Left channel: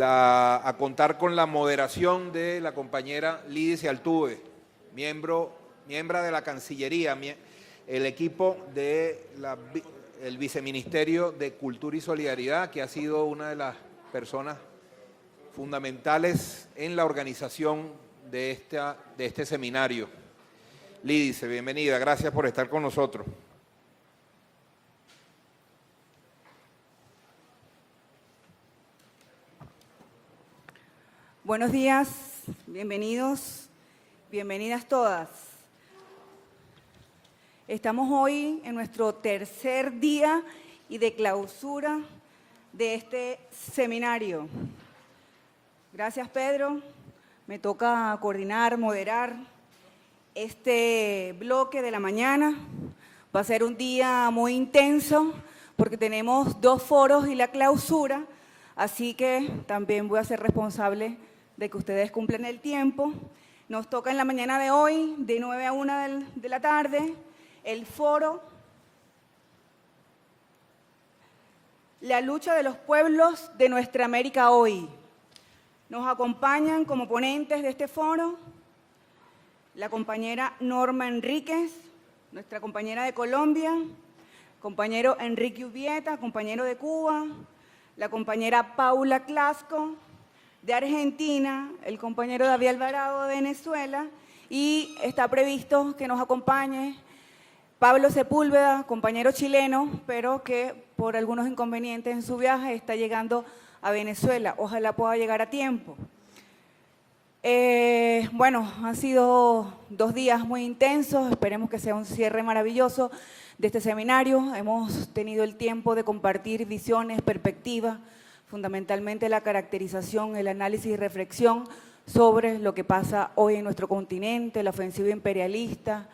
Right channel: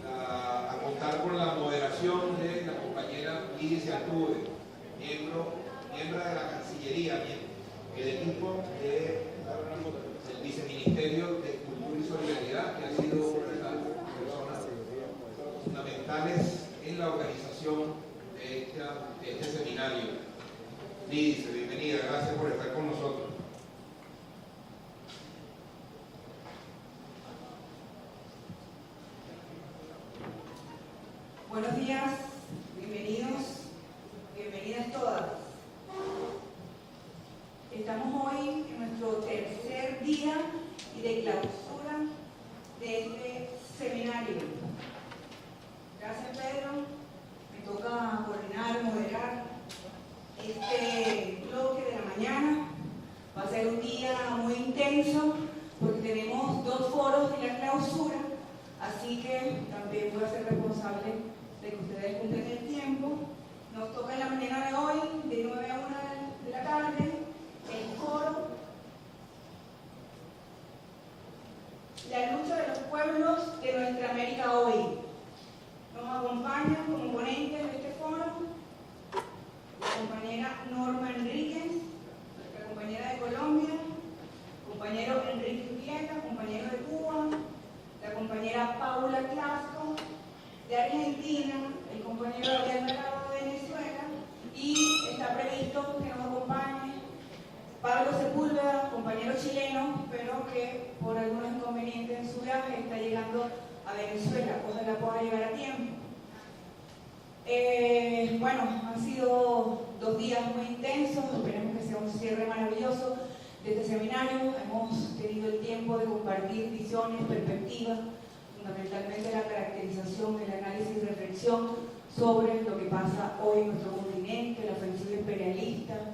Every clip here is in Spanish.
a contar con la moderación de la compañera Lidice Altuve, miembro de la Cancillería, el equipo del Viceministerio de Cultura y Solidaridad, que ha sido una de las personas fundamentales en la organización de este seminario. Lidice, bienvenida, gracias por estar con nosotros. Buenos días, bienvenidos, bienvenidas todas. Estamos hoy en nuestro tercer día y de clausura de este seminario. Gracias, Pedro. Me toca coordinar, moderar este bloque de la mañana. Va a ser un día muy intenso porque tenemos 2 foros y la clausura, así que también voy a ser responsable de que ustedes cumplan el tiempo. Nos toca en la mañana de hoy, de 9 a 1 de la tarde, el foro La lucha de los pueblos de nuestra América hoy. Nos acompañan como ponentes de este foro la compañera Norma Enríquez, nuestra compañera de Colombia, compañero Enrique Ubieta, compañero de Cuba, la compañera Paula Clasco de Argentina, el compañero David Alvarado de Venezuela, y está previsto que nos acompañe Pablo Sepúlveda, compañero chileno, pero que por algunos inconvenientes en su viaje está llegando a Venezuela. Ojalá pueda llegar a tiempo. Bueno, han sido 2 días muy intensos, esperemos que sea un cierre maravilloso de este seminario. Hemos tenido el tiempo de compartir visiones, perspectivas, fundamentalmente la caracterización, el análisis y reflexión sobre lo que pasa hoy en nuestro continente, la ofensiva imperialista,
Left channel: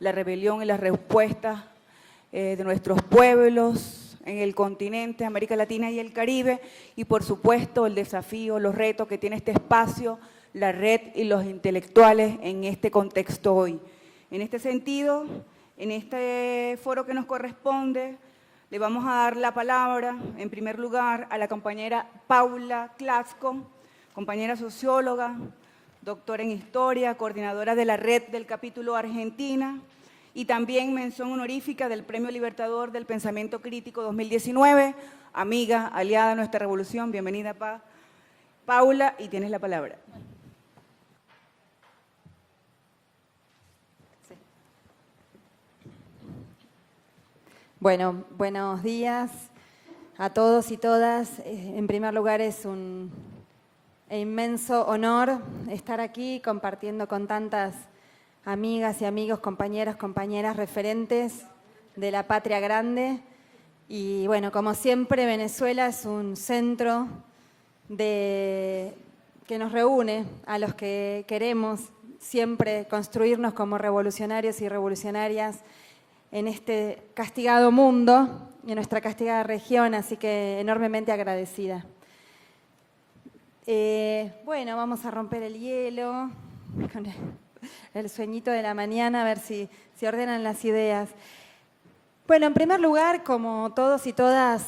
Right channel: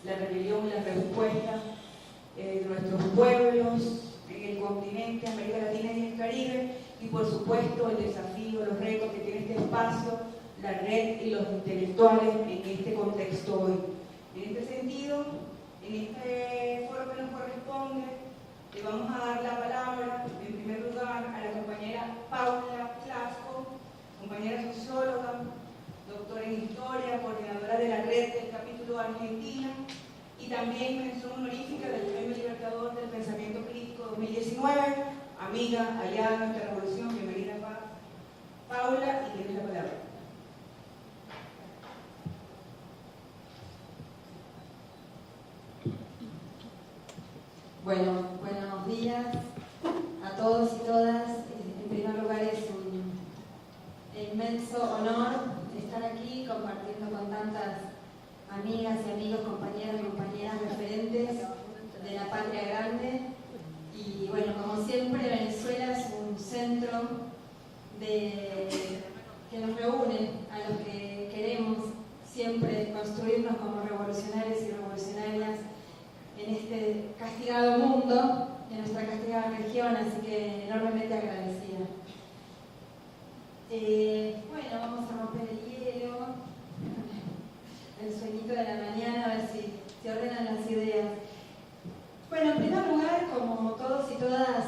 la rebelión y las respuestas de nuestros pueblos en el continente, América Latina y el Caribe, y por supuesto el desafío, los retos que tiene este espacio, la red y los intelectuales en este contexto hoy. En este sentido, en este foro que nos corresponde, le vamos a dar la palabra, en primer lugar, a la compañera Paula Clasco, compañera socióloga, doctora en Historia, coordinadora de la red del capítulo Argentina y también mención honorífica del Premio Libertador del Pensamiento Crítico 2019, amiga, aliada de nuestra revolución. Bienvenida, Paula, y tienes la palabra. Bueno, buenos días a todos y todas. En primer lugar, es un inmenso honor estar aquí compartiendo con tantas amigas y amigos, compañeras, referentes de la patria grande. Y bueno, como siempre, Venezuela es un centro que nos reúne a los que queremos siempre construirnos como revolucionarios y revolucionarias en este castigado mundo, en nuestra castigada región, así que enormemente agradecida. Bueno, vamos a romper el hielo con el sueñito de la mañana, a ver si ordenan las ideas. Bueno, en primer lugar, como todos y todas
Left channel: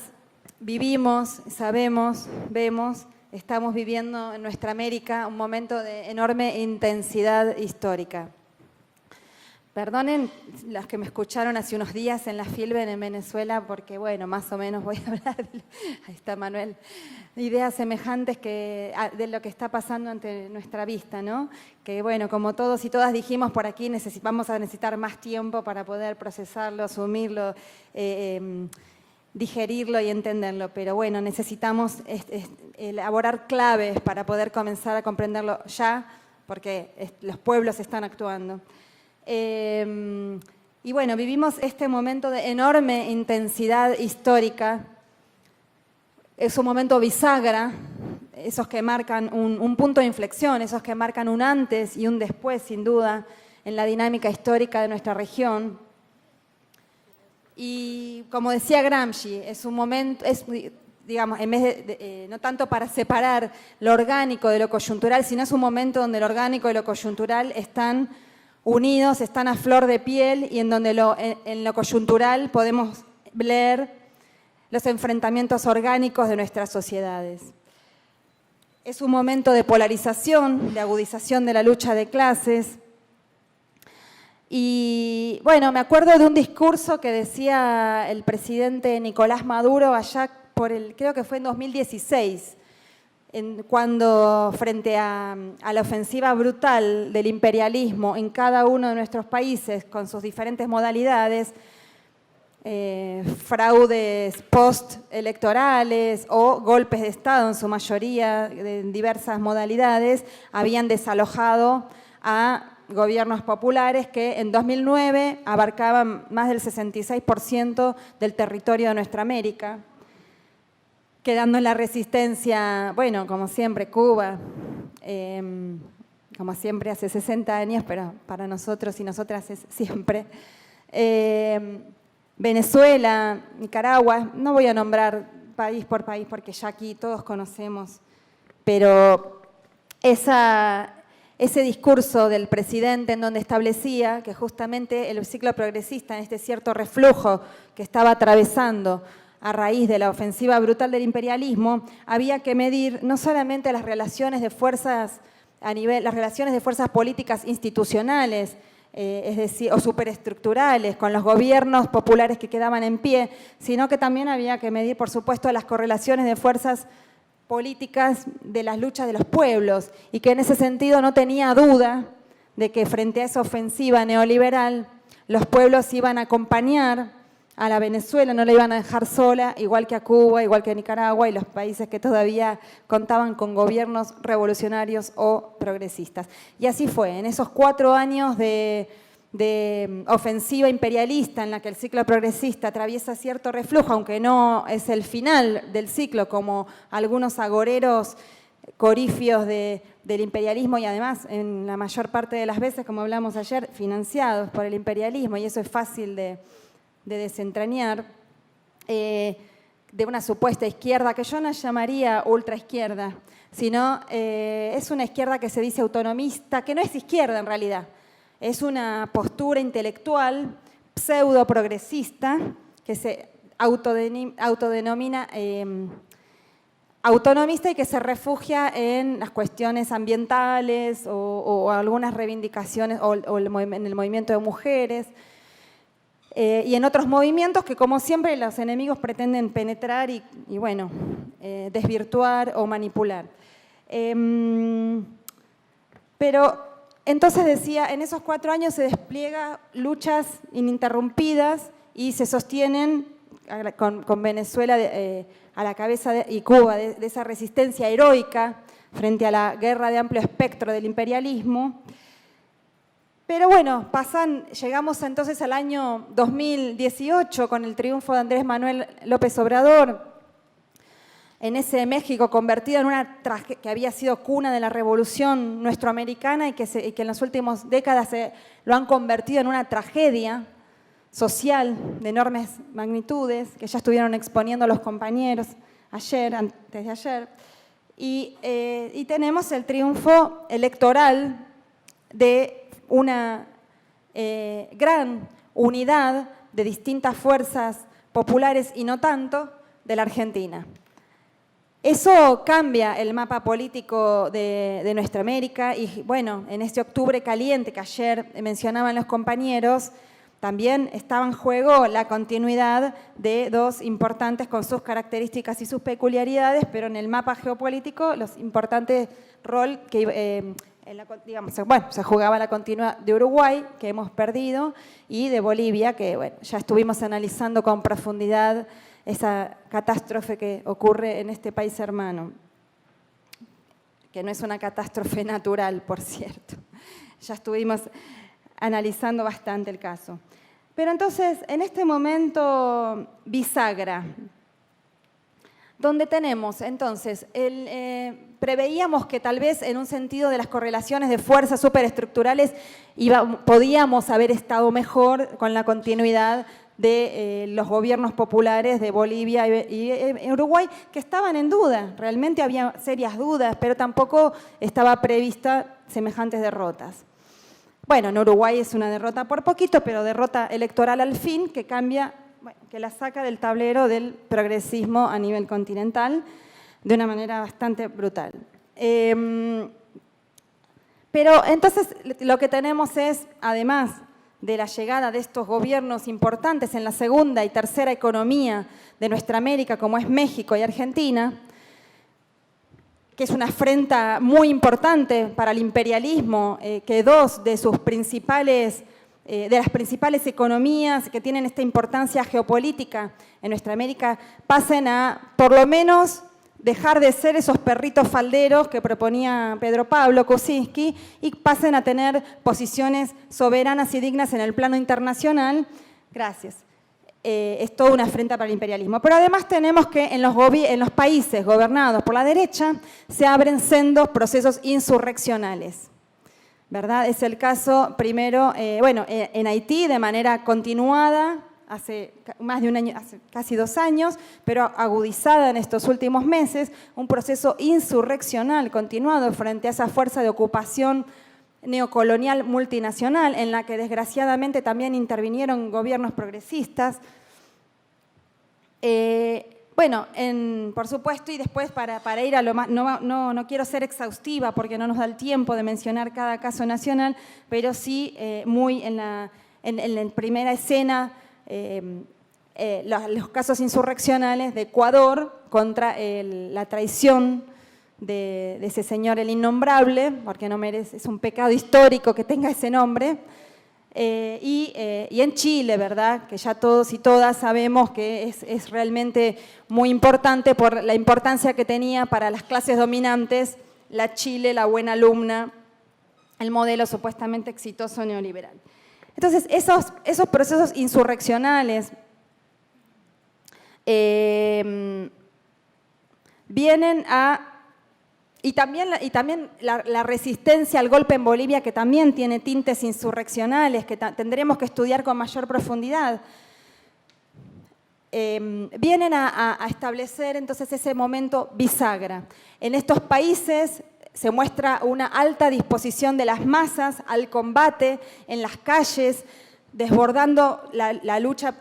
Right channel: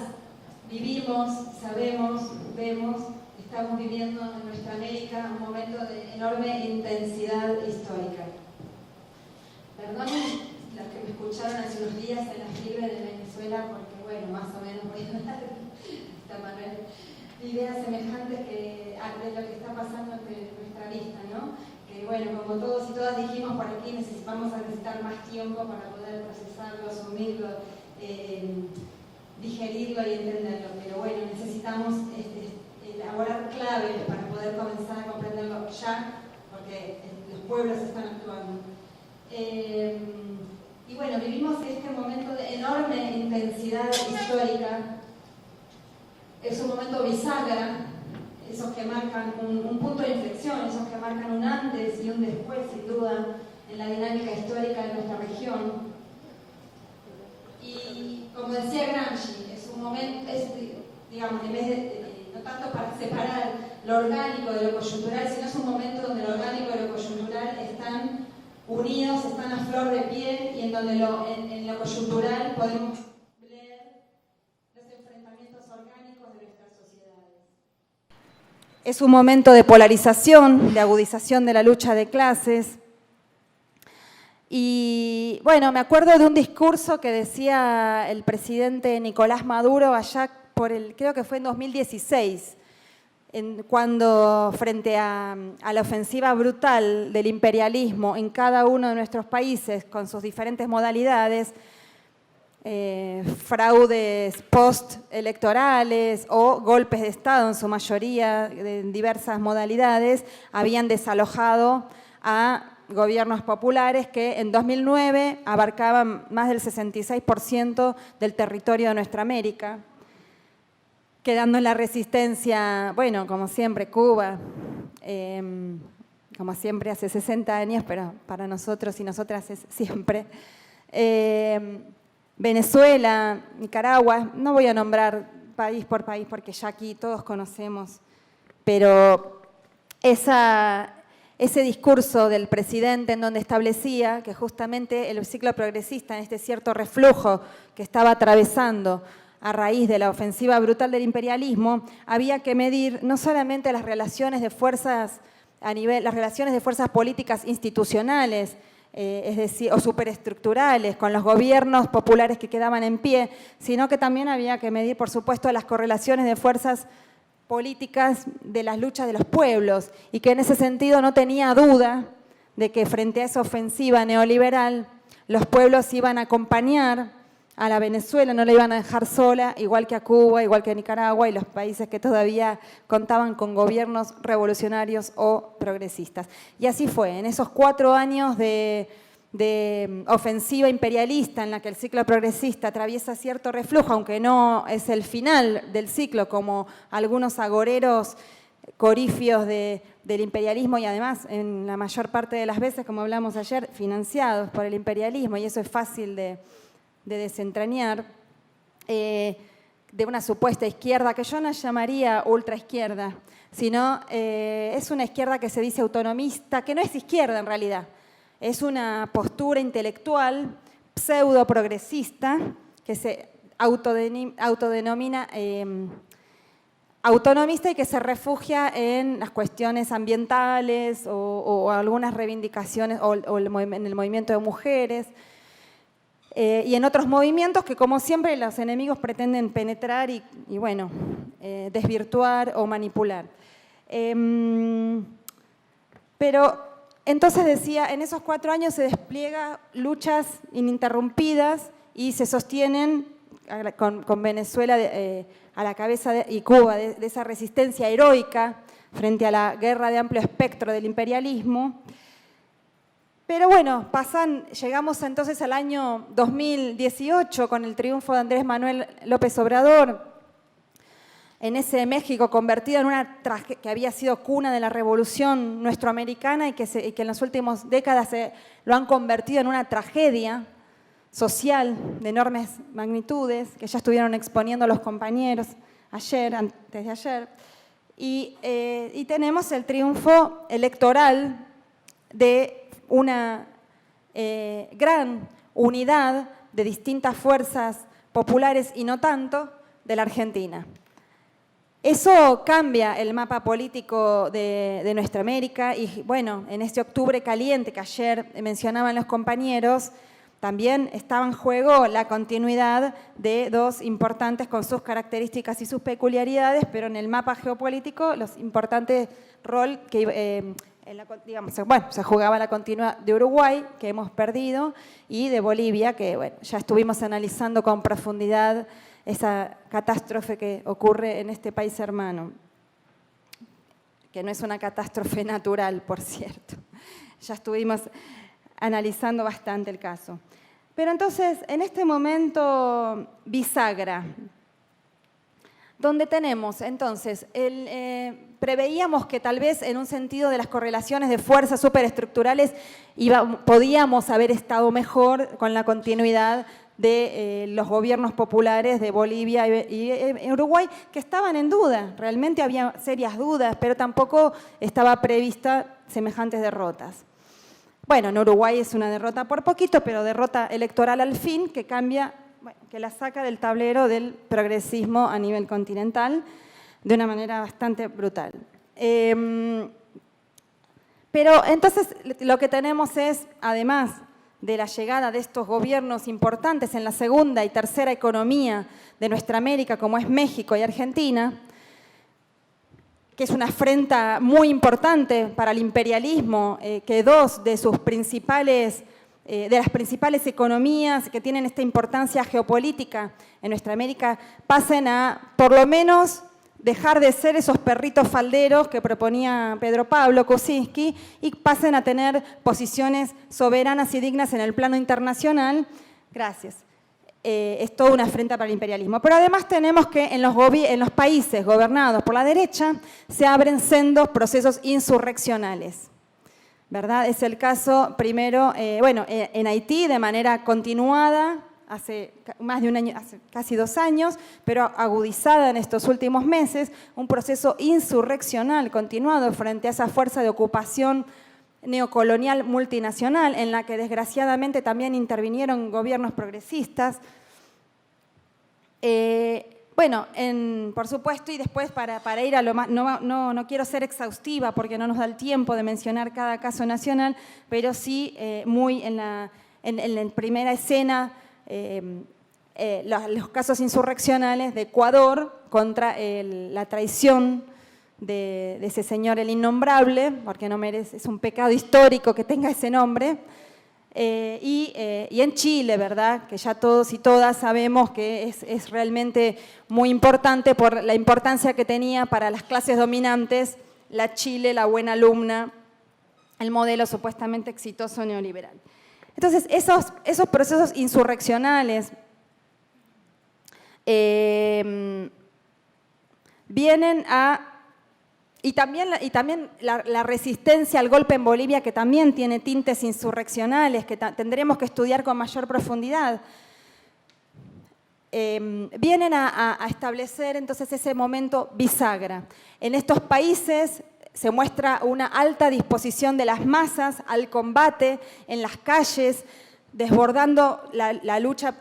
vivimos, sabemos, vemos, estamos viviendo en nuestra América un momento de enorme intensidad histórica. Perdonen las que me escucharon hace unos días en la Filben en Venezuela, porque bueno, más o menos voy a hablar, ahí está Manuel, ideas semejantes de lo que está pasando ante nuestra vista, ¿no? Que bueno, como todos y todas dijimos por aquí, vamos a necesitar más tiempo para poder procesarlo, asumirlo, digerirlo y entenderlo, pero bueno, necesitamos elaborar claves para poder comenzar a comprenderlo ya, porque los pueblos están actuando. Y bueno, vivimos este momento de enorme intensidad histórica. Es un momento bisagra, esos que marcan un punto de inflexión, esos que marcan un antes y un después, sin duda, en la dinámica histórica de nuestra región. Y como decía Gramsci, es un momento, digamos, en vez de no tanto para separar lo orgánico de lo coyuntural, sino es un momento donde lo orgánico y lo coyuntural están unidos, están a flor de piel, y en donde en lo coyuntural podemos leer los enfrentamientos orgánicos de nuestras sociedades. Es un momento de polarización, de agudización de la lucha de clases. Y bueno, me acuerdo de un discurso que decía el presidente Nicolás Maduro allá creo que fue en 2016, cuando frente a la ofensiva brutal del imperialismo en cada uno de nuestros países con sus diferentes modalidades, fraudes postelectorales o golpes de Estado en su mayoría, en diversas modalidades, habían desalojado a gobiernos populares que en 2009 abarcaban más del 66% del territorio de nuestra América, quedando en la resistencia, bueno, como siempre, Cuba, como siempre hace 60 años, pero para nosotros y nosotras es siempre. Venezuela, Nicaragua, no voy a nombrar país por país porque ya aquí todos conocemos, pero ese discurso del presidente en donde establecía que justamente el ciclo progresista, en este cierto reflujo que estaba atravesando a raíz de la ofensiva brutal del imperialismo, había que medir no solamente las relaciones de fuerzas las relaciones de fuerzas políticas institucionales, es decir, o superestructurales, con los gobiernos populares que quedaban en pie, sino que también había que medir, por supuesto, las correlaciones de fuerzas políticas de las luchas de los pueblos, y que en ese sentido no tenía duda de que frente a esa ofensiva neoliberal, los pueblos iban a acompañar a la Venezuela, no la iban a dejar sola, igual que a Cuba, igual que a Nicaragua y los países que todavía contaban con gobiernos revolucionarios o progresistas. Y así fue, en esos 4 años de ofensiva imperialista en la que el ciclo progresista atraviesa cierto reflujo, aunque no es el final del ciclo, como algunos agoreros corifios del imperialismo, y además en la mayor parte de las veces, como hablamos ayer, financiados por el imperialismo, y eso es fácil de desentrañar, de una supuesta izquierda que yo no llamaría ultraizquierda, sino es una izquierda que se dice autonomista, que no es izquierda en realidad, es una postura intelectual pseudo progresista que se autodenomina autonomista y que se refugia en las cuestiones ambientales o algunas reivindicaciones o en el movimiento de mujeres, y en otros movimientos que, como siempre, los enemigos pretenden penetrar y bueno, desvirtuar o manipular. Pero entonces decía, en esos 4 años se despliega luchas ininterrumpidas y se sostienen con Venezuela a la cabeza y Cuba de esa resistencia heroica frente a la guerra de amplio espectro del imperialismo. Pero bueno, llegamos entonces al año 2018 con el triunfo de Andrés Manuel López Obrador en ese México convertido en una tragedia que había sido cuna de la revolución nuestroamericana y que en las últimas décadas lo han convertido en una tragedia social de enormes magnitudes, que ya estuvieron exponiendo los compañeros antes de ayer. Y tenemos el triunfo electoral de una gran unidad de distintas fuerzas populares y no tanto de la Argentina. Eso cambia el mapa político de nuestra América y bueno, en este octubre caliente que ayer mencionaban los compañeros, también estaba en juego la continuidad de 2 importantes con sus características y sus peculiaridades, pero en el mapa geopolítico los importantes rol que se jugaba la continuidad de Uruguay, que hemos perdido, y de Bolivia, que bueno, ya estuvimos analizando con profundidad esa catástrofe que ocurre en este país hermano, que no es una catástrofe natural, por cierto. Ya estuvimos analizando bastante el caso. Pero entonces, en este momento bisagra, donde tenemos entonces, preveíamos que tal vez en un sentido de las correlaciones de fuerzas superestructurales podíamos haber estado mejor con la continuidad de los gobiernos populares de Bolivia y Uruguay, que estaban en duda, realmente había serias dudas, pero tampoco estaba prevista semejantes derrotas. Bueno, en Uruguay es una derrota por poquito, pero derrota electoral al fin, que cambia, que la saca del tablero del progresismo a nivel continental de una manera bastante brutal. Pero entonces lo que tenemos es, además de la llegada de estos gobiernos importantes en la segunda y tercera economía de nuestra América, como es México y Argentina, que es una afrenta muy importante para el imperialismo, que dos de sus principales, de las principales economías que tienen esta importancia geopolítica en nuestra América, pasen a, por lo menos, dejar de ser esos perritos falderos que proponía Pedro Pablo Kuczynski y pasen a tener posiciones soberanas y dignas en el plano internacional. Gracias. Es toda una afrenta para el imperialismo. Pero además tenemos que en los países gobernados por la derecha se abren sendos procesos insurreccionales, ¿verdad? Es el caso primero, en Haití de manera continuada, hace más de un año, hace casi 2 años, pero agudizada en estos últimos meses, un proceso insurreccional continuado frente a esa fuerza de ocupación neocolonial multinacional en la que desgraciadamente también intervinieron gobiernos progresistas. Por supuesto, y después para ir a lo más, no quiero ser exhaustiva porque no nos da el tiempo de mencionar cada caso nacional, pero sí muy en la primera escena, los casos insurreccionales de Ecuador contra la traición de ese señor, el innombrable, porque no merece, es un pecado histórico que tenga ese nombre, y en Chile, ¿verdad? Que ya todos y todas sabemos que es realmente muy importante por la importancia que tenía para las clases dominantes la Chile, la buena alumna, el modelo supuestamente exitoso neoliberal. Entonces, esos procesos insurreccionales vienen a... Y también la resistencia al golpe en Bolivia, que también tiene tintes insurreccionales, que tendremos que estudiar con mayor profundidad, vienen a establecer entonces ese momento bisagra. En estos países se muestra una alta disposición de las masas al combate en las calles, desbordando la lucha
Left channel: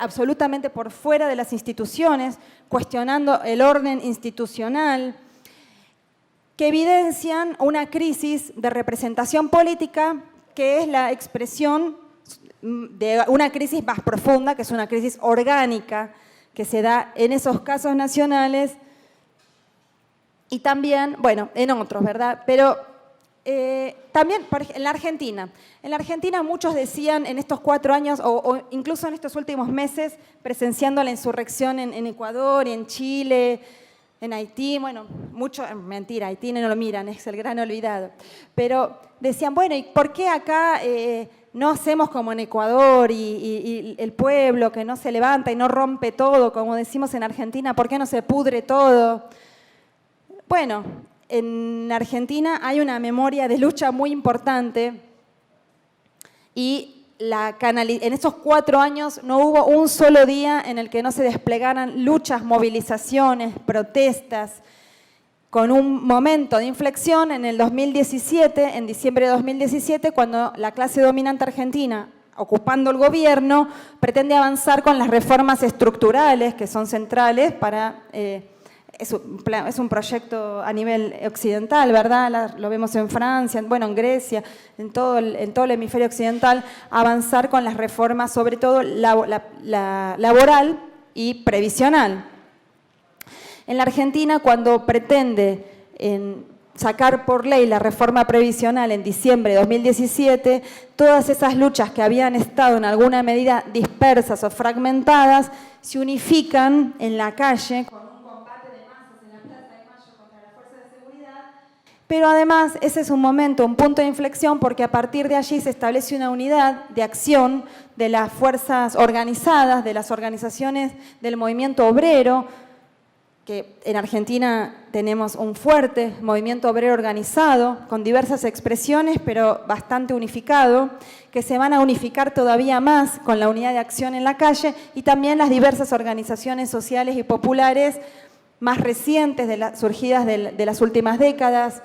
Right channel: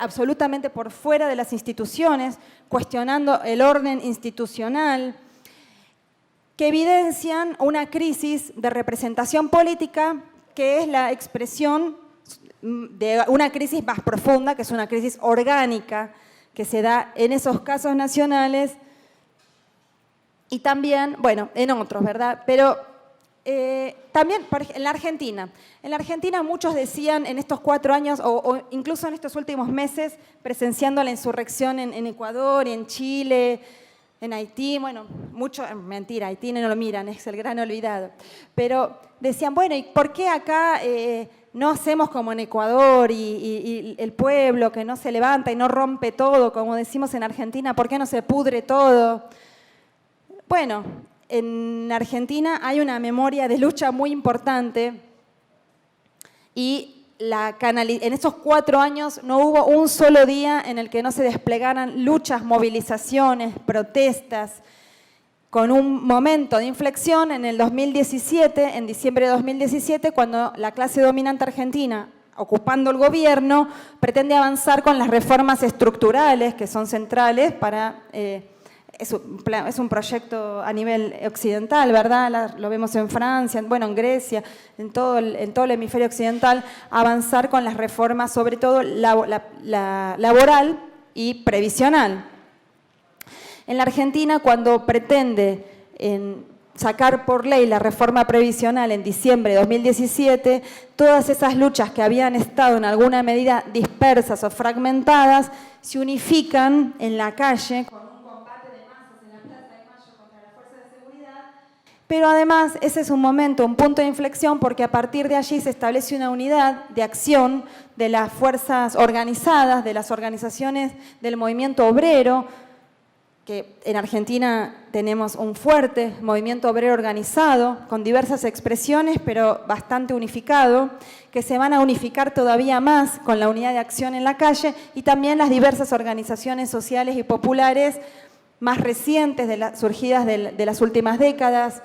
absolutamente por fuera de las instituciones, cuestionando el orden institucional, que evidencian una crisis de representación política que es la expresión de una crisis más profunda, que es una crisis orgánica que se da en esos casos nacionales y también, en otros, ¿verdad? Pero también en la Argentina. En la Argentina muchos decían en estos 4 años o incluso en estos últimos meses, presenciando la insurrección en Ecuador, en Chile, en Haití, mentira, Haití no lo miran, es el gran olvidado. Pero decían, ¿y por qué acá no hacemos como en Ecuador y el pueblo que no se levanta y no rompe todo, como decimos en Argentina? ¿Por qué no se pudre todo? Bueno, en Argentina hay una memoria de lucha muy importante y en esos 4 años no hubo un solo día en el que no se desplegaran luchas, movilizaciones, protestas, con un momento de inflexión en el 2017, en diciembre de 2017, cuando la clase dominante argentina, ocupando el gobierno, pretende avanzar con las reformas estructurales que son centrales para... Es un proyecto a nivel occidental, ¿verdad? Lo vemos en Francia, en Grecia, en todo el hemisferio occidental, avanzar con las reformas, sobre todo la laboral y previsional. En la Argentina, cuando pretende sacar por ley la reforma previsional en diciembre de 2017, todas esas luchas que habían estado en alguna medida dispersas o fragmentadas, se unifican en la calle, pero además ese es un momento, un punto de inflexión, porque a partir de allí se establece una unidad de acción de las fuerzas organizadas, de las organizaciones del movimiento obrero, que en Argentina tenemos un fuerte movimiento obrero organizado, con diversas expresiones, pero bastante unificado, que se van a unificar todavía más con la unidad de acción en la calle, y también las diversas organizaciones sociales y populares más recientes, surgidas de las últimas décadas,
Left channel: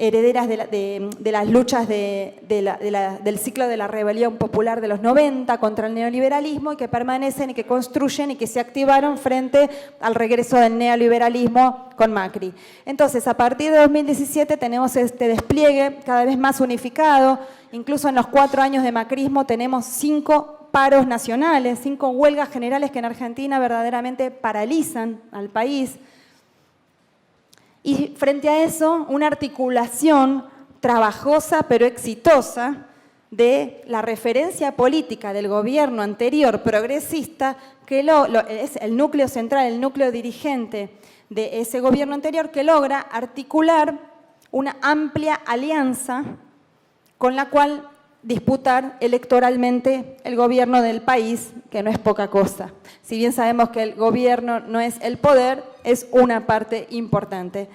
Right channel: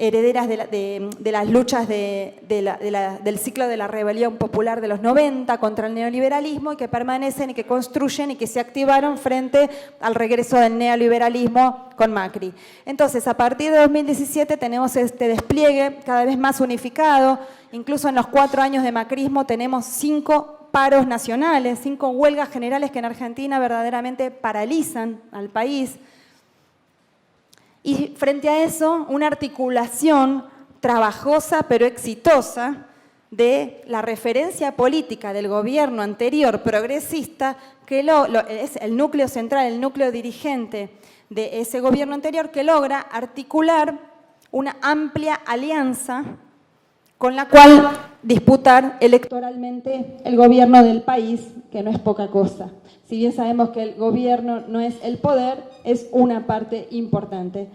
herederas de las luchas del ciclo de la rebelión popular de los 90 contra el neoliberalismo y que permanecen y que construyen y que se activaron frente al regreso del neoliberalismo con Macri. Entonces, a partir de 2017 tenemos este despliegue cada vez más unificado, incluso en los 4 años de macrismo tenemos 5 paros nacionales, 5 huelgas generales que en Argentina verdaderamente paralizan al país. Y frente a eso, una articulación trabajosa pero exitosa de la referencia política del gobierno anterior progresista, que es el núcleo central, el núcleo dirigente de ese gobierno anterior, que logra articular una amplia alianza con la cual disputar electoralmente el gobierno del país, que no es poca cosa. Si bien sabemos que el gobierno no es el poder, es una parte importante.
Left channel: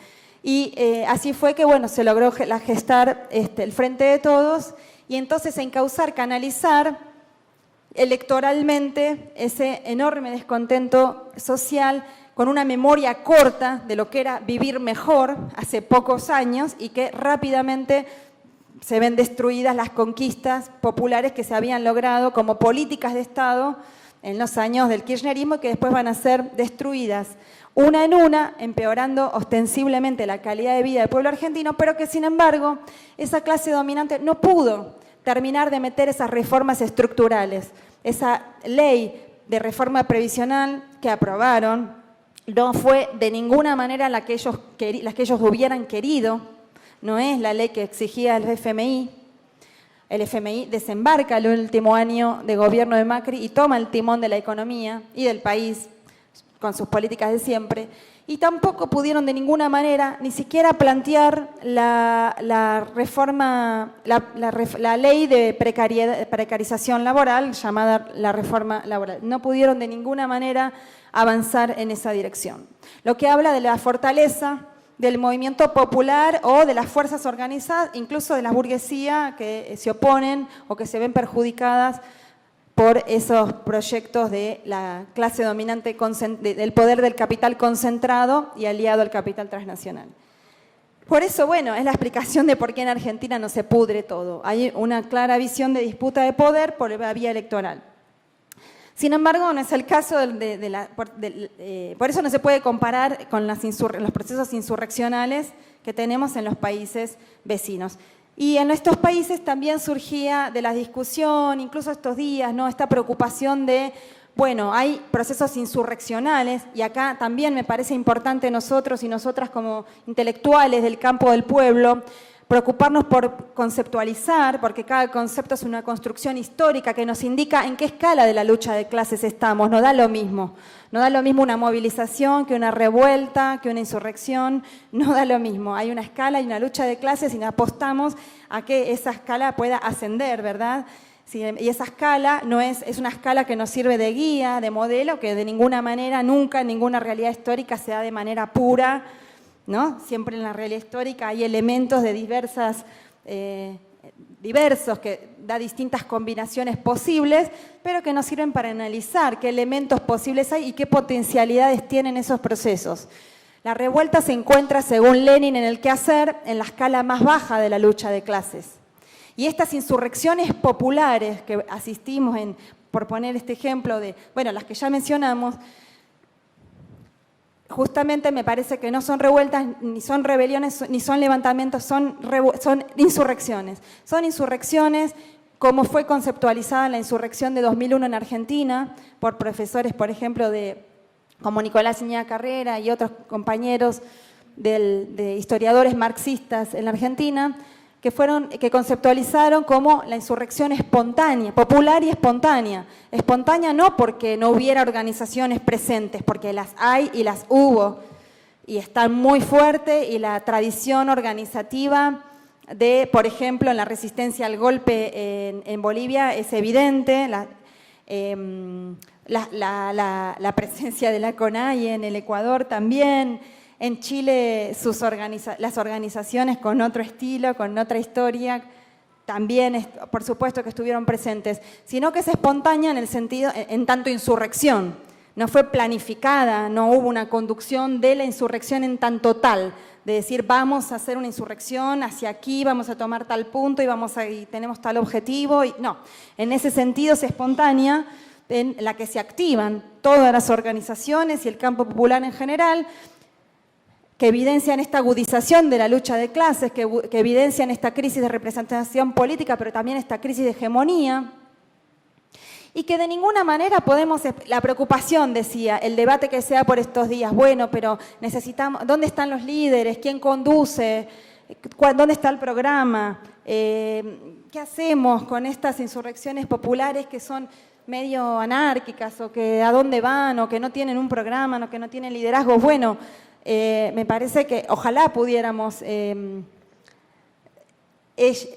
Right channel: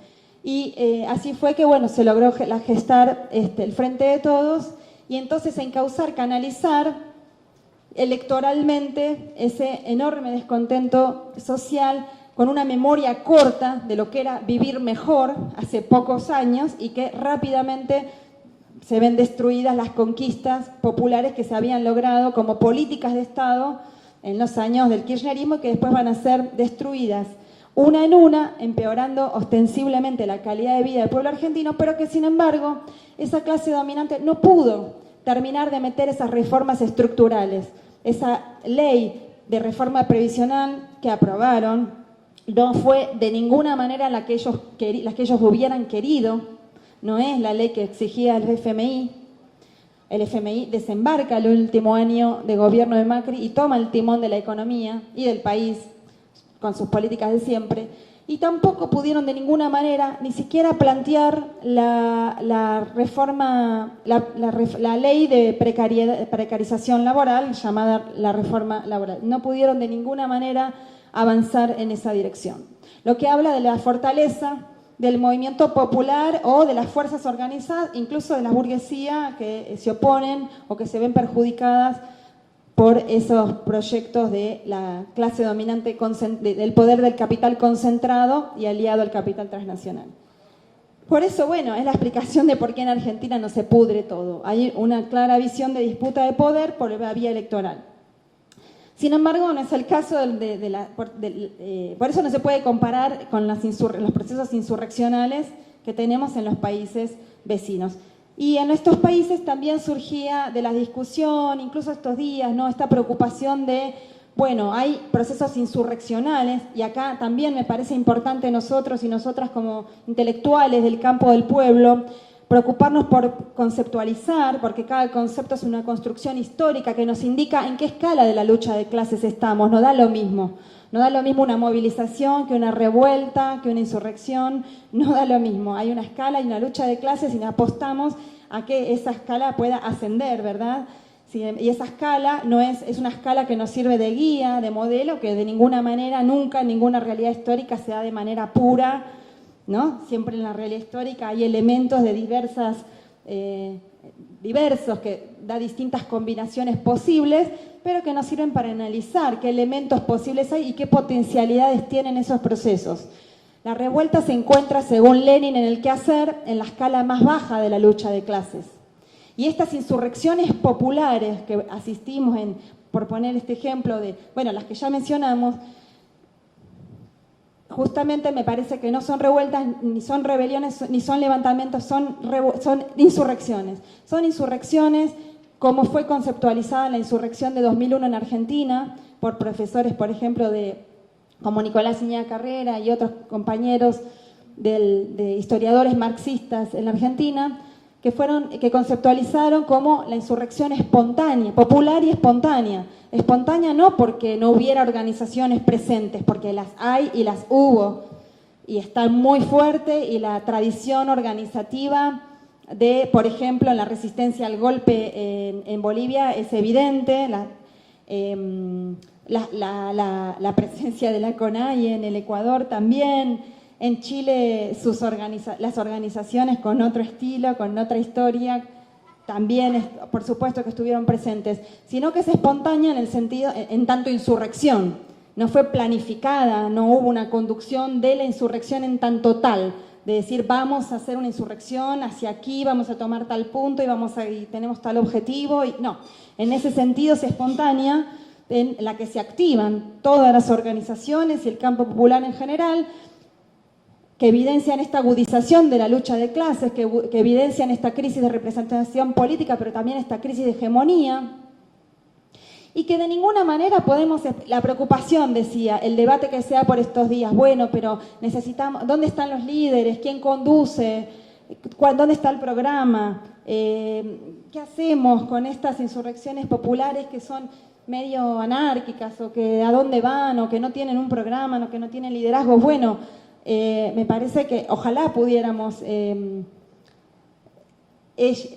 Y así fue que, bueno, se logró gestar el Frente de Todos y entonces encauzar, canalizar electoralmente ese enorme descontento social con una memoria corta de lo que era vivir mejor hace pocos años y que rápidamente se ven destruidas las conquistas populares que se habían logrado como políticas de Estado en los años del kirchnerismo, que después van a ser destruidas una en una, empeorando ostensiblemente la calidad de vida del pueblo argentino, pero que sin embargo esa clase dominante no pudo terminar de meter esas reformas estructurales. Esa ley de reforma previsional que aprobaron no fue de ninguna manera la que ellos hubieran querido, no es la ley que exigía el FMI. El FMI desembarca el último año de gobierno de Macri y toma el timón de la economía y del país con sus políticas de siempre. Y tampoco pudieron de ninguna manera ni siquiera plantear la reforma, la ley de precarización laboral, llamada la reforma laboral. No pudieron de ninguna manera avanzar en esa dirección. Lo que habla de la fortaleza del movimiento popular o de las fuerzas organizadas, incluso de la burguesía que se oponen o que se ven perjudicadas por esos proyectos de la clase dominante del poder del capital concentrado y aliado al capital transnacional. Por eso, bueno, es la explicación de por qué en Argentina no se pudre todo. Hay una clara visión de disputa de poder por la vía electoral. Sin embargo, no es el caso por eso no se puede comparar con los procesos insurreccionales que tenemos en los países vecinos. Y en estos países también surgía de la discusión, incluso estos días, ¿no? Esta preocupación de, bueno, hay procesos insurreccionales, y acá también me parece importante nosotros y nosotras como intelectuales del campo del pueblo, preocuparnos por conceptualizar, porque cada concepto es una construcción histórica que nos indica en qué escala de la lucha de clases estamos. No da lo mismo. No da lo mismo una movilización que una revuelta, que una insurrección. No da lo mismo. Hay una escala y una lucha de clases y apostamos a que esa escala pueda ascender, ¿verdad? Sí, y esa escala es una escala que nos sirve de guía, de modelo, que de ninguna manera, nunca en ninguna realidad histórica se da de manera pura, ¿no? Siempre en la realidad histórica hay elementos de diversos que da distintas combinaciones posibles, pero que nos sirven para analizar qué elementos posibles hay y qué potencialidades tienen esos procesos. La revuelta se encuentra, según Lenin, en el quehacer, en la escala más baja de la lucha de clases. Y estas insurrecciones populares que asistimos por poner este ejemplo de, bueno, las que ya mencionamos, justamente me parece que no son revueltas, ni son rebeliones, ni son levantamientos, son insurrecciones. Son insurrecciones como fue conceptualizada la insurrección de 2001 en Argentina por profesores, por ejemplo, como Nicolás Iñiga Carrera y otros compañeros de historiadores marxistas en la Argentina, que conceptualizaron como la insurrección espontánea, popular y espontánea. Espontánea no porque no hubiera organizaciones presentes, porque las hay y las hubo, y están muy fuerte, y la tradición organizativa de, por ejemplo, en la resistencia al golpe en Bolivia es evidente, la presencia de la CONAIE en el Ecuador también. En Chile las organizaciones con otro estilo, con otra historia, también por supuesto que estuvieron presentes, sino que es espontánea en el sentido, en tanto insurrección. No fue planificada, no hubo una conducción de la insurrección en tanto tal, de decir vamos a hacer una insurrección hacia aquí, vamos a tomar tal punto y tenemos tal objetivo. No, en ese sentido es espontánea, en la que se activan todas las organizaciones y el campo popular en general, que evidencian esta agudización de la lucha de clases, que evidencian esta crisis de representación política, pero también esta crisis de hegemonía, y que de ninguna manera podemos, la preocupación, decía, el debate que se da por estos días, bueno, pero necesitamos, ¿dónde están los líderes? ¿Quién conduce? ¿Dónde está el programa? ¿Qué hacemos con estas insurrecciones populares que son medio anárquicas, o que a dónde van, o que no tienen un programa, o que no tienen liderazgo? Bueno, me parece que ojalá pudiéramos,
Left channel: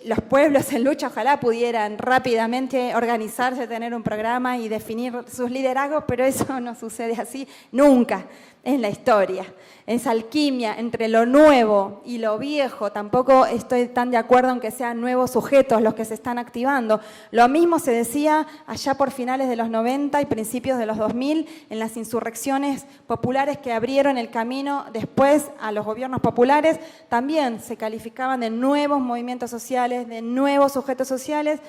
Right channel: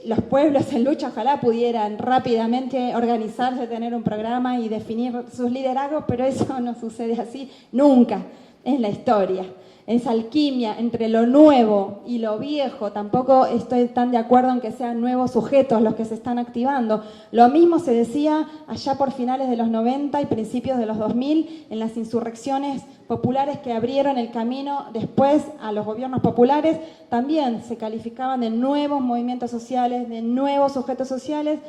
los pueblos en lucha, ojalá pudieran rápidamente organizarse, tener un programa y definir sus liderazgos, pero eso no sucede así nunca en la historia. Esa alquimia entre lo nuevo y lo viejo, tampoco estoy tan de acuerdo en que sean nuevos sujetos los que se están activando. Lo mismo se decía allá por finales de los 90 y principios de los 2000 en las insurrecciones populares que abrieron el camino después a los gobiernos populares. También se calificaban de nuevos movimientos sociales, de nuevos sujetos sociales,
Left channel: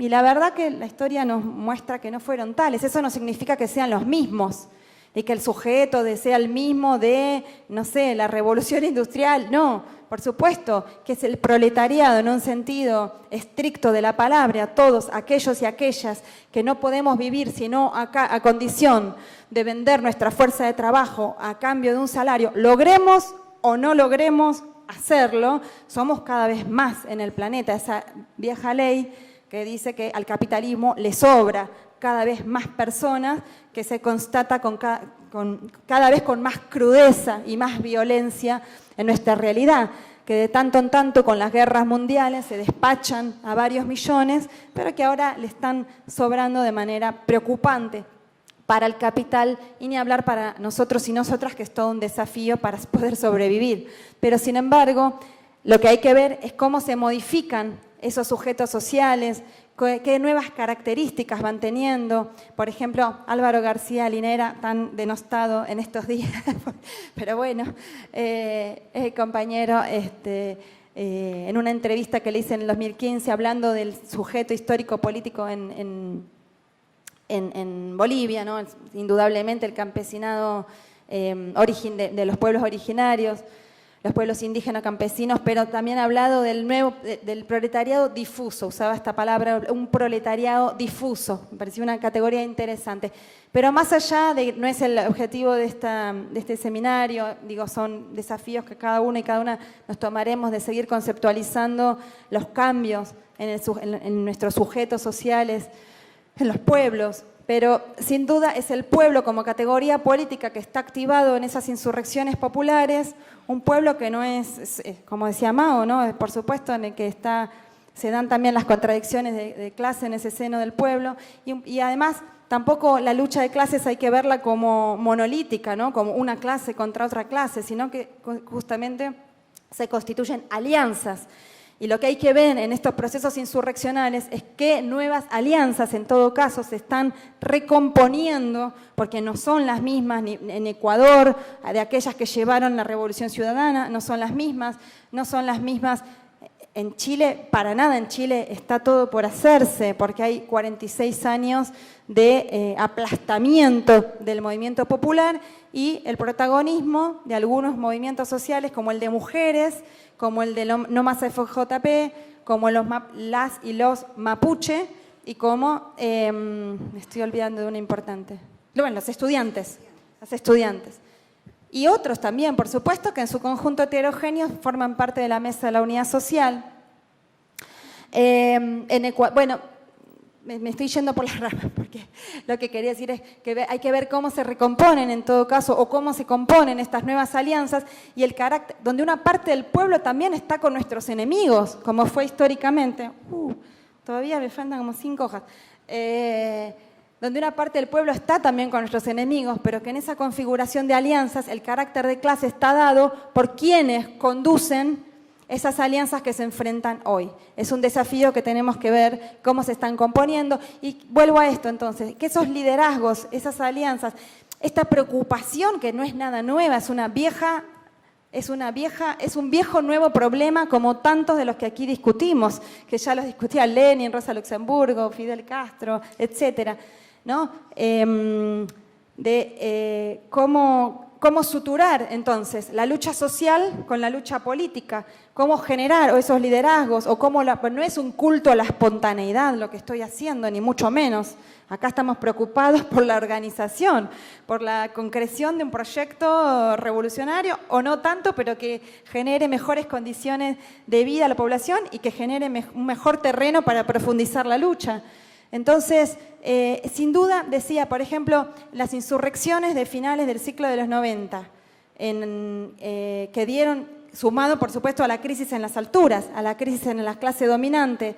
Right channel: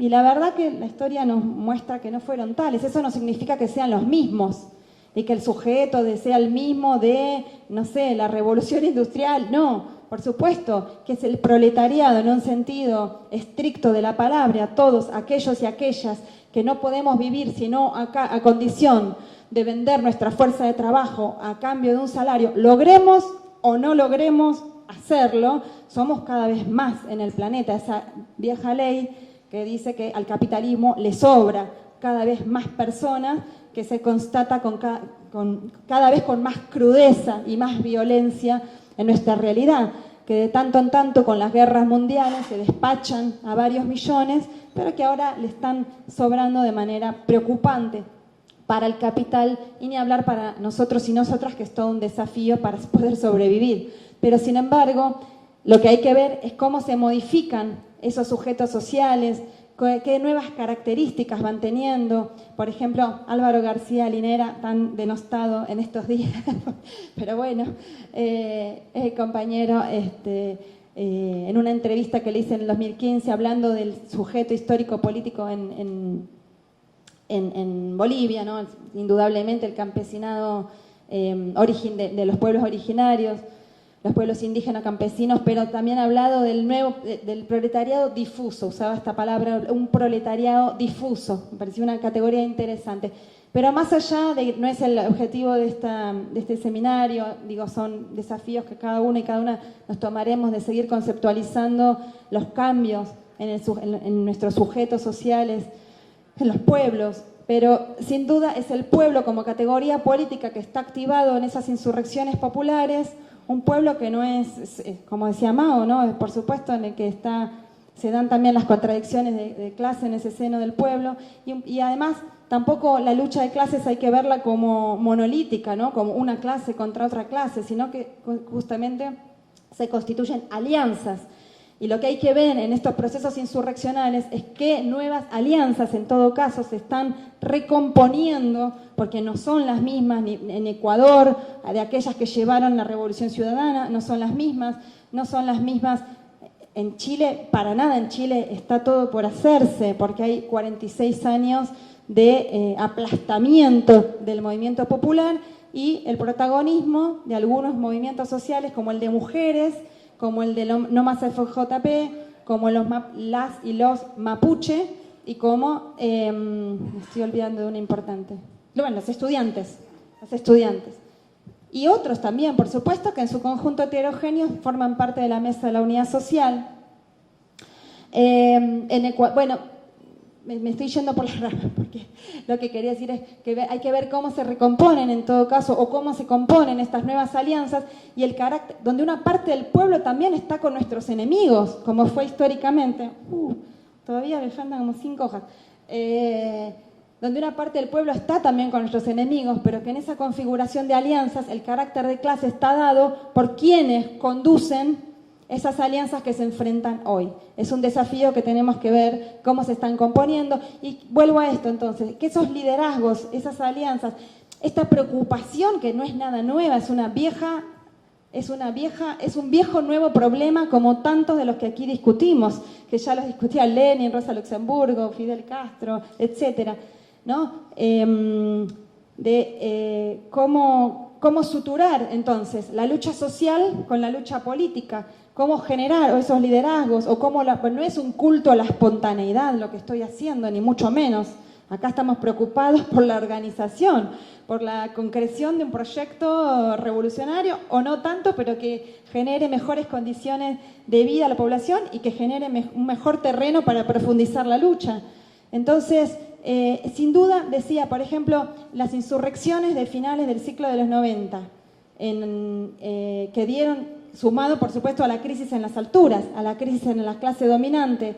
y la verdad que la historia nos muestra que no fueron tales. Eso no significa que sean los mismos y que el sujeto sea el mismo de, no sé, la revolución industrial. No, por supuesto que es el proletariado en un sentido estricto de la palabra, todos aquellos y aquellas que no podemos vivir sino a condición de vender nuestra fuerza de trabajo a cambio de un salario, logremos o no logremos hacerlo, somos cada vez más en el planeta. Esa vieja ley que dice que al capitalismo le sobra cada vez más personas, que se constata cada vez con más crudeza y más violencia en nuestra realidad, que de tanto en tanto con las guerras mundiales se despachan a varios millones, pero que ahora le están sobrando de manera preocupante para el capital, y ni hablar para nosotros y nosotras, que es todo un desafío para poder sobrevivir. Pero sin embargo, lo que hay que ver es cómo se modifican esos sujetos sociales, qué nuevas características van teniendo. Por ejemplo, Álvaro García Linera, tan denostado en estos días, pero bueno, compañero, en una entrevista que le hice en el 2015, hablando del sujeto histórico-político en Bolivia, ¿no? Indudablemente el campesinado de los pueblos originarios, los pueblos indígenas campesinos, pero también ha hablado del proletariado difuso, usaba esta palabra, un proletariado difuso, me pareció una categoría interesante. Pero más allá no es el objetivo de este seminario, digo, son desafíos que cada uno y cada una nos tomaremos, de seguir conceptualizando los cambios en nuestros sujetos sociales, en los pueblos. Pero sin duda es el pueblo como categoría política que está activado en esas insurrecciones populares, un pueblo que no es, como decía Mao, ¿no? Por supuesto, en el que se dan también las contradicciones de clase en ese seno del pueblo, y además tampoco la lucha de clases hay que verla como monolítica, ¿no? Como una clase contra otra clase, sino que justamente se constituyen alianzas. Y lo que hay que ver en estos procesos insurreccionales es que nuevas alianzas, en todo caso, se están recomponiendo, porque no son las mismas ni en Ecuador, de aquellas que llevaron la Revolución Ciudadana, no son las mismas en Chile, para nada. En Chile está todo por hacerse, porque hay 46 años de aplastamiento del movimiento popular y el protagonismo de algunos movimientos sociales, como el de mujeres, como el de No Más FJP, como las y los mapuche, y como, me estoy olvidando de una importante, bueno, los estudiantes. Y otros también, por supuesto, que en su conjunto heterogéneo forman parte de la mesa de la unidad social. Bueno, me estoy yendo por las ramas, porque lo que quería decir es que hay que ver cómo se recomponen en todo caso, o cómo se componen estas nuevas alianzas, y el carácter, donde una parte del pueblo también está con nuestros enemigos, como fue históricamente. Todavía me faltan como 5 hojas. Donde una parte del pueblo está también con nuestros enemigos, pero que en esa configuración de alianzas el carácter de clase está dado por quienes conducen esas alianzas que se enfrentan hoy. Es un desafío que tenemos que ver cómo se están componiendo. Y vuelvo a esto entonces, que esos liderazgos, esas alianzas, esta preocupación que no es nada nueva, es una vieja Es un viejo nuevo problema como tantos de los que aquí discutimos, que ya los discutía Lenin, Rosa Luxemburgo, Fidel Castro, etcétera, ¿no? Cómo suturar entonces la lucha social con la lucha política, cómo generar esos liderazgos, o cómo pues no es un culto a la espontaneidad lo que estoy haciendo, ni mucho menos. Acá estamos preocupados por la organización, por la concreción de un proyecto revolucionario, o no tanto, pero que genere mejores condiciones de vida a la población y que genere un mejor terreno para profundizar la lucha. Entonces, sin duda, decía, por ejemplo, las insurrecciones de finales del ciclo de los 90, que dieron, sumado por supuesto a la crisis en las alturas, a la crisis en la clase dominante,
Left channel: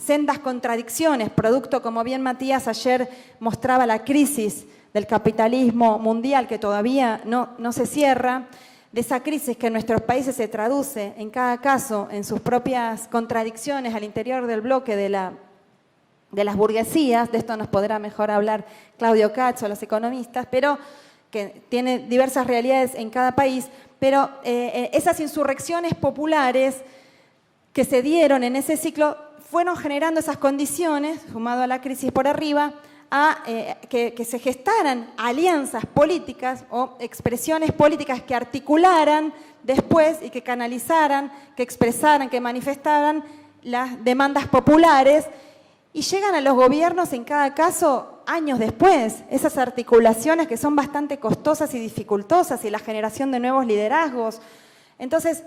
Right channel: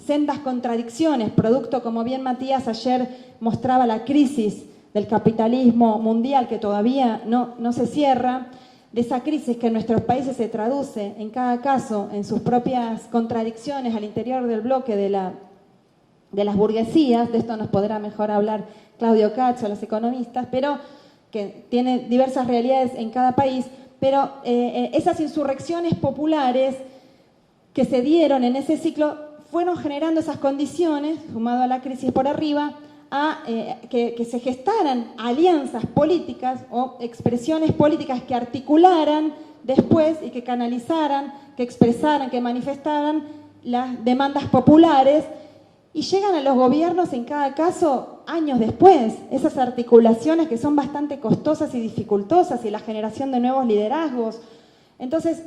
sendas contradicciones, producto, como bien Matías ayer mostraba, la crisis del capitalismo mundial que todavía no se cierra, de esa crisis que en nuestros países se traduce en cada caso en sus propias contradicciones al interior del bloque de las burguesías. De esto nos podrá mejor hablar Claudio Cacho, los economistas, pero que tiene diversas realidades en cada país, pero esas insurrecciones populares que se dieron en ese ciclo fueron generando esas condiciones, sumado a la crisis por arriba, a que se gestaran alianzas políticas o expresiones políticas que articularan después y que canalizaran, que expresaran, que manifestaran las demandas populares, y llegan a los gobiernos en cada caso años después, esas articulaciones que son bastante costosas y dificultosas, y la generación de nuevos liderazgos. Entonces,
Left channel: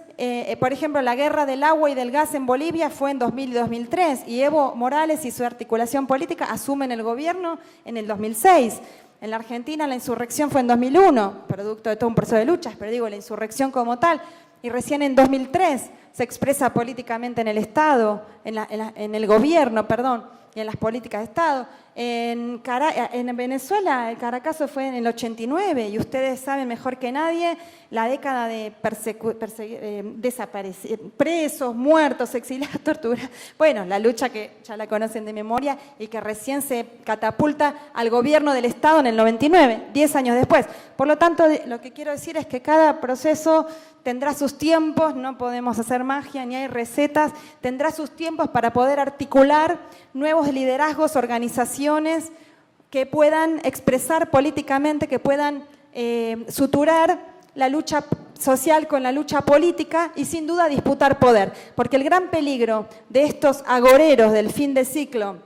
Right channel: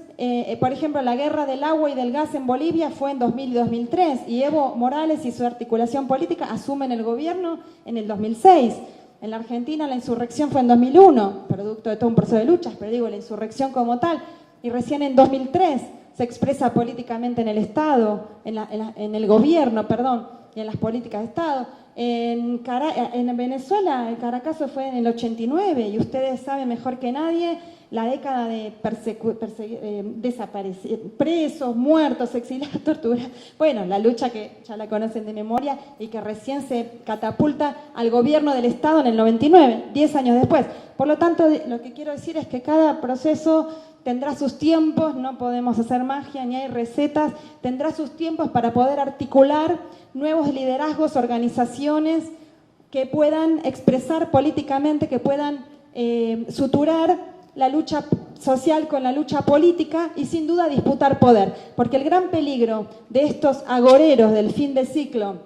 por ejemplo, la guerra del agua y del gas en Bolivia fue en 2000 y 2003, y Evo Morales y su articulación política asumen el gobierno en el 2006. En la Argentina la insurrección fue en 2001, producto de todo un proceso de luchas, pero digo, la insurrección como tal, y recién en 2003 se expresa políticamente en el Estado, en el gobierno, perdón, y en las políticas de Estado. En Venezuela el Caracazo fue en el 89, y ustedes saben mejor que nadie la década de presos, muertos, exiliados, torturados. Bueno, la lucha que ya la conocen de memoria y que recién se catapulta al gobierno del Estado en el 99, 10 años después. Por lo tanto, lo que quiero decir es que cada proceso tendrá sus tiempos, no podemos hacer magia ni hay recetas, tendrá sus tiempos para poder articular nuevos liderazgos, organizaciones que puedan expresar políticamente, que puedan suturar la lucha social con la lucha política y sin duda disputar poder. Porque el gran peligro de estos agoreros del fin de ciclo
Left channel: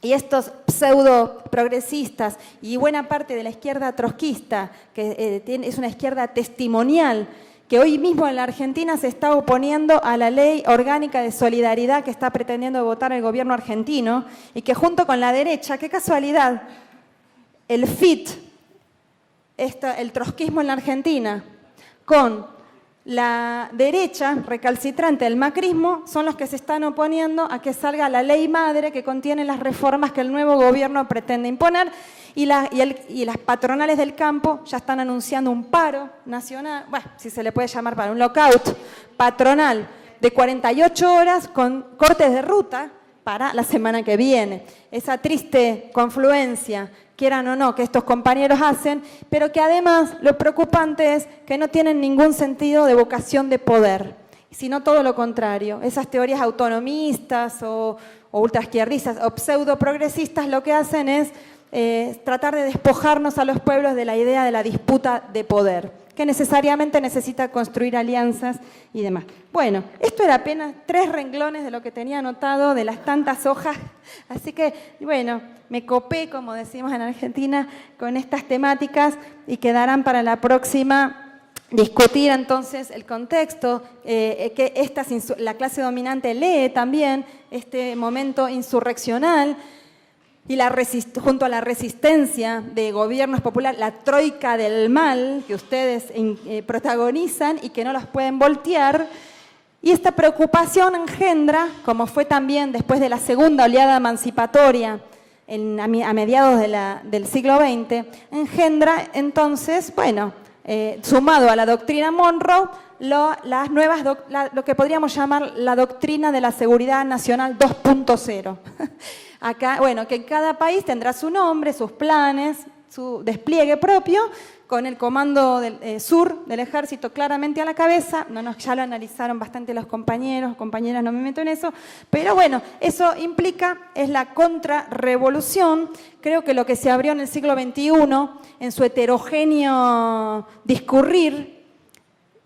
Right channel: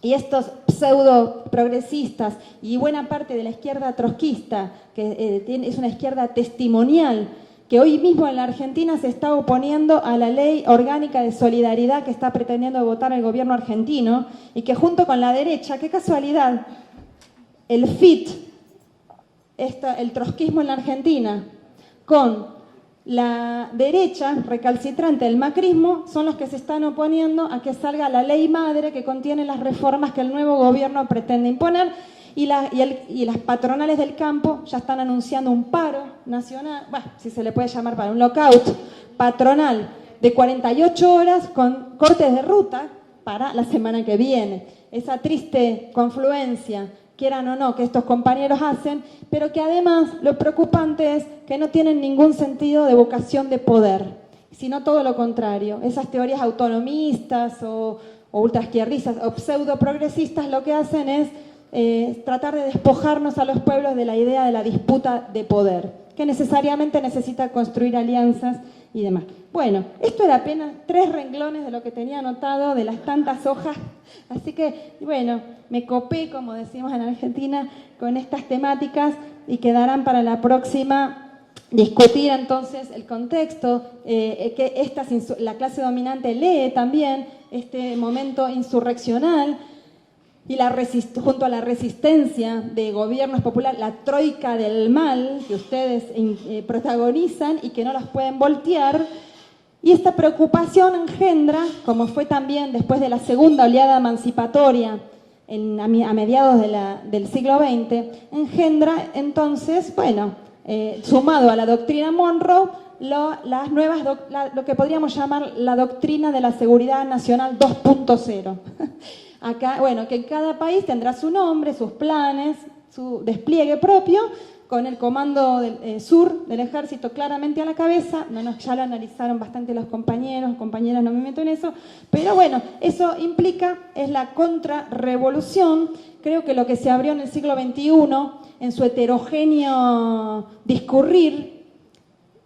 y estos pseudo progresistas y buena parte de la izquierda trotskista, que es una izquierda testimonial, que hoy mismo en la Argentina se está oponiendo a la ley orgánica de solidaridad que está pretendiendo votar el gobierno argentino, y que junto con la derecha, qué casualidad, el FIT, el trotskismo en la Argentina, con la derecha recalcitrante del macrismo, son los que se están oponiendo a que salga la ley madre que contiene las reformas que el nuevo gobierno pretende imponer, y las patronales del campo ya están anunciando un paro nacional, bueno, si se le puede llamar para un lockout patronal de 48 horas con cortes de ruta para la semana que viene. Esa triste confluencia, quieran o no, que estos compañeros hacen, pero que además lo preocupante es que no tienen ningún sentido de vocación de poder, sino todo lo contrario. Esas teorías autonomistas o ultraizquierdistas o pseudo-progresistas lo que hacen es tratar de despojarnos a los pueblos de la idea de la disputa de poder, que necesariamente necesita construir alianzas y demás. Bueno, esto era apenas 3 renglones de lo que tenía anotado de las tantas hojas, así que, bueno, me copé, como decimos en Argentina, con estas temáticas, y quedarán para la próxima discutir entonces el contexto, que la clase dominante lee también este momento insurreccional, y junto a la resistencia de gobiernos populares, la troika del mal que ustedes protagonizan y que no los pueden voltear. Y esta preocupación engendra, como fue también después de la segunda oleada emancipatoria a mediados del siglo XX, engendra entonces, bueno, sumado a la doctrina Monroe, lo que podríamos llamar la doctrina de la seguridad nacional 2.0. Acá, bueno, que cada país tendrá su nombre, sus planes, su despliegue propio, con el comando del sur del ejército claramente a la cabeza. Ya lo analizaron bastante los compañeros, compañeras, no me meto en eso, pero bueno, eso implica, es la contrarrevolución. Creo que lo que se abrió en el siglo XXI, en su heterogéneo discurrir,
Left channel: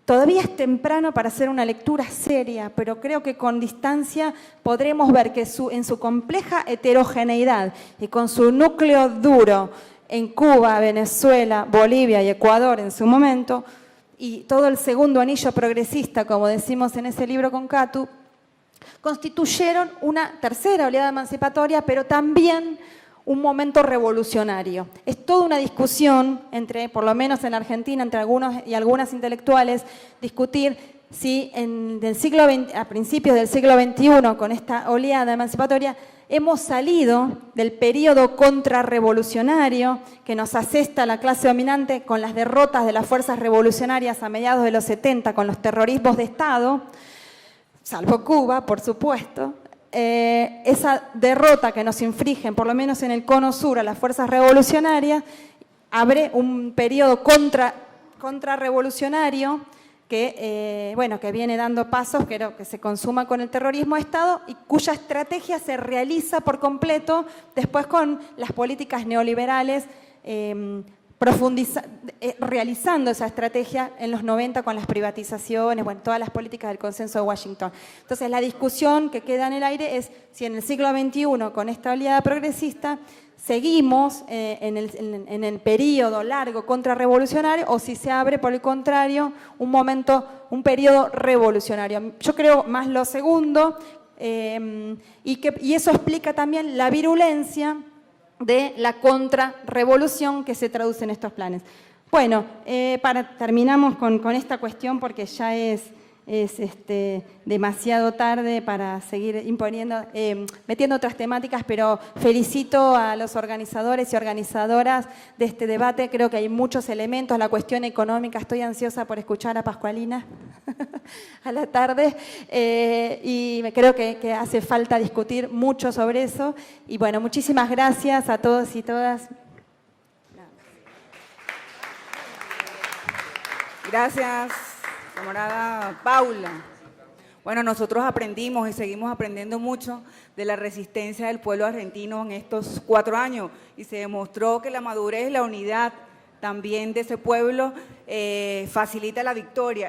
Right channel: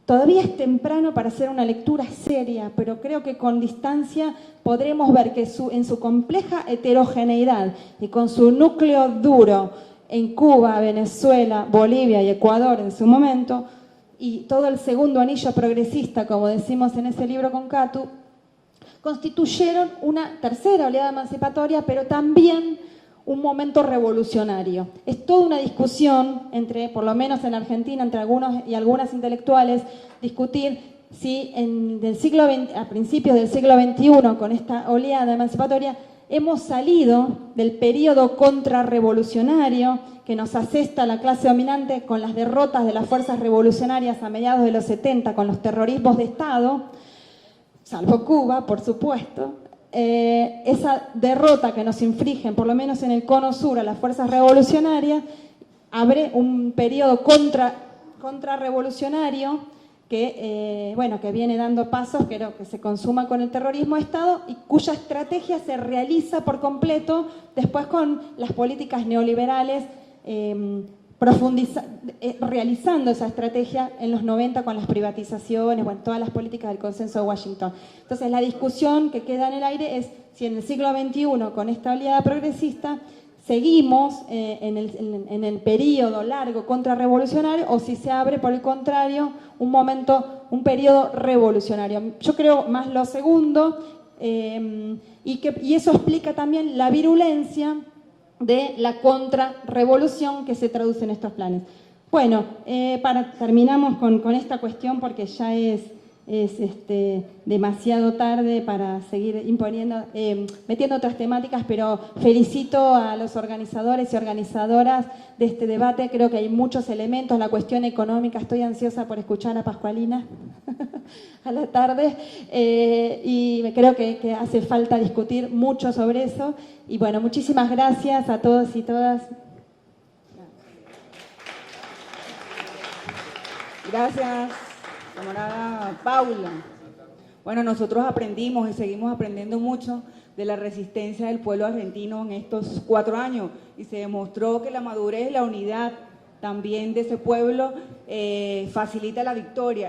todavía es temprano para hacer una lectura seria, pero creo que con distancia podremos ver que en su compleja heterogeneidad y con su núcleo duro en Cuba, Venezuela, Bolivia y Ecuador en su momento, y todo el segundo anillo progresista, como decimos en ese libro con Catu, constituyeron una tercera oleada emancipatoria, pero también un momento revolucionario. Es toda una discusión entre, por lo menos en Argentina, entre algunos y algunas intelectuales, discutir si a principios del siglo XXI, con esta oleada emancipatoria, hemos salido del periodo contrarrevolucionario que nos asesta la clase dominante con las derrotas de las fuerzas revolucionarias a mediados de los 70, con los terrorismos de Estado, salvo Cuba, por supuesto. Esa derrota que nos infligen, por lo menos en el cono sur, a las fuerzas revolucionarias, abre un periodo contrarrevolucionario que, que viene dando pasos, que se consuma con el terrorismo de Estado y cuya estrategia se realiza por completo después con las políticas neoliberales, realizando esa estrategia en los 90 con las privatizaciones, todas las políticas del consenso de Washington. Entonces la discusión que queda en el aire es si en el siglo XXI, con esta oleada progresista, seguimos en el periodo largo contrarrevolucionario o si se abre, por el contrario, un periodo revolucionario. Yo creo más lo segundo, y eso explica también la virulencia de la contrarrevolución que se traduce en estos planes. Bueno, terminamos con esta cuestión porque ya es demasiado tarde para seguir metiendo otras temáticas, pero felicito a los organizadores y organizadoras de este debate. Creo que hay muchos elementos, la cuestión económica, estoy ansiosa por escuchar a Pascualina a la tarde, y creo que hace falta discutir mucho sobre eso. Y bueno, muchísimas gracias a todos y todas. Gracias, camarada Paula. Bueno, nosotros aprendimos y seguimos aprendiendo mucho de la resistencia del pueblo argentino en estos 4 años y se demostró que la madurez y la unidad también de ese pueblo facilita la victoria.